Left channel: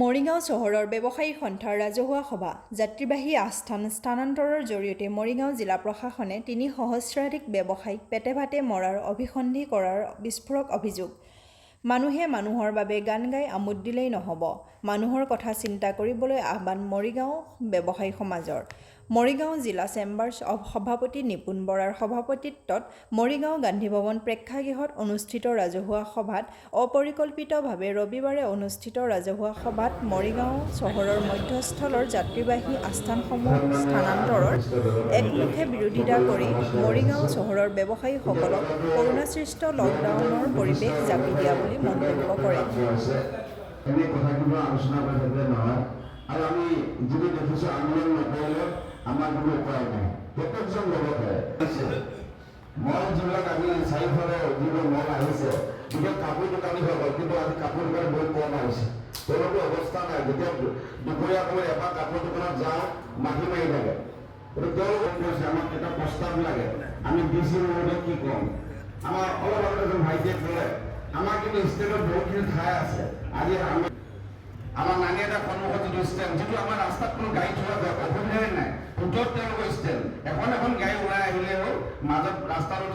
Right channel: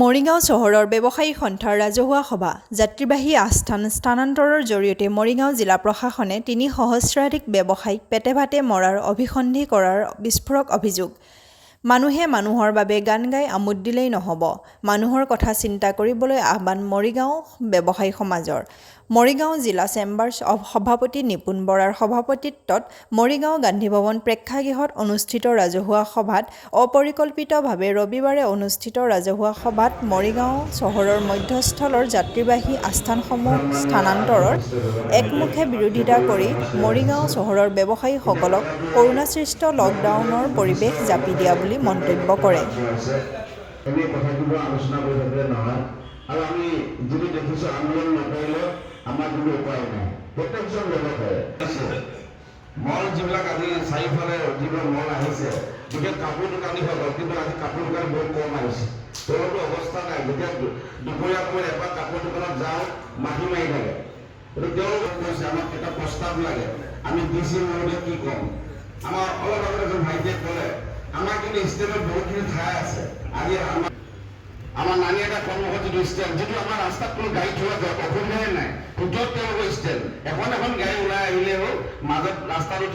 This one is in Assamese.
মৰিগাঁও চহৰৰ ব্যৱসায়ী সন্থাৰ ৰাজহুৱা সভা যাত্ৰীবাহী স্থানান্তৰৰ জৰিয়তে মৰিগাঁও জিলা প্ৰশাসনে ৩ সহস্ৰাধিক ব্যৱসায়ীক পেটে ভাতে মৰাৰ অভিসন্ধি কৰাৰ বিস্ফোৰক অভিযোগ। মানুহে মানুহৰ বাবে গান গাই আমোদ দিলেই নহ'ব, মানুহৰ কথা চিন্তা কৰিবলৈ আহ্বান মৰিগাঁও ব্যৱসায়ী সমাজৰ। মৰিগাঁও জিলা চেম্বাৰ্ছ সভাপতি নিপুণ বৰাৰ সভাপতিত্বত মৰিগাঁও গান্ধী ভৱন প্ৰেক্ষাগৃহত অনুষ্ঠিত ৰাজহুৱা সভাত অপৰিকল্পিতভাৱে ৰবিবাৰে অনুষ্ঠিত ৰাজহুৱা সভাত মৰিগাঁও চহৰৰ মধ্যস্থলৰ যাত্ৰীবাহী আস্থানসমূহ স্থানান্তৰৰ একমুখে বিৰোধিতা কৰি মৰিগাঁও চহৰৰ ব্যৱসায়ীসকলক কৰোনাসৃষ্ট লকডাউনৰ পৰিৱেশ জাপি দিয়া বুলি মন্তব্য কৰে। আৰু আমি যিটো দেখিছোঁ আন্দোলন নকৰিলে আমাৰ কোনো উপায় নাই। প্ৰত্যেকজন ব্যৱসায়ী মল যিবিলাক আজি চাৰিওফালে যিবোৰ মল আহিছে, বিশেষ কাপোৰ দোকানীসকল, কিন্তু আজি কাপোৰ দোকান বহুত কম আহিছে। তেওঁলোকৰ অৱস্থা নাই। যেতিয়া দুপৰীয়া সময়ত এবাৰ কাপোৰ দোকানত যাওঁ, মাখি মাৰি থাকে। গতিকে তেওঁলোকক কৈছে আমাক এটা প্ৰস্তাৱ লাগে, আমি ডিচি মহোদয় কি ক'ম। আমাৰ অলপ আগতে এজন ভাইটিয়ে ক'লে আমাৰ কিন্তু ষ্টেটত বহুতখিনি ঠাই আছে। আজি আমাৰ নানি এটা কৰ্মসূচী ষ্টেণ্ড, যিটো আমাৰ ৰাস্তাত কোনো গাড়ী থোৱা অসুবিধাই নাই। ওচৰত তেওঁলোকৰ ষ্টেণ্ড, এখন গাড়ী ওলাই আহিলেও মাজত ৰাস্তাটো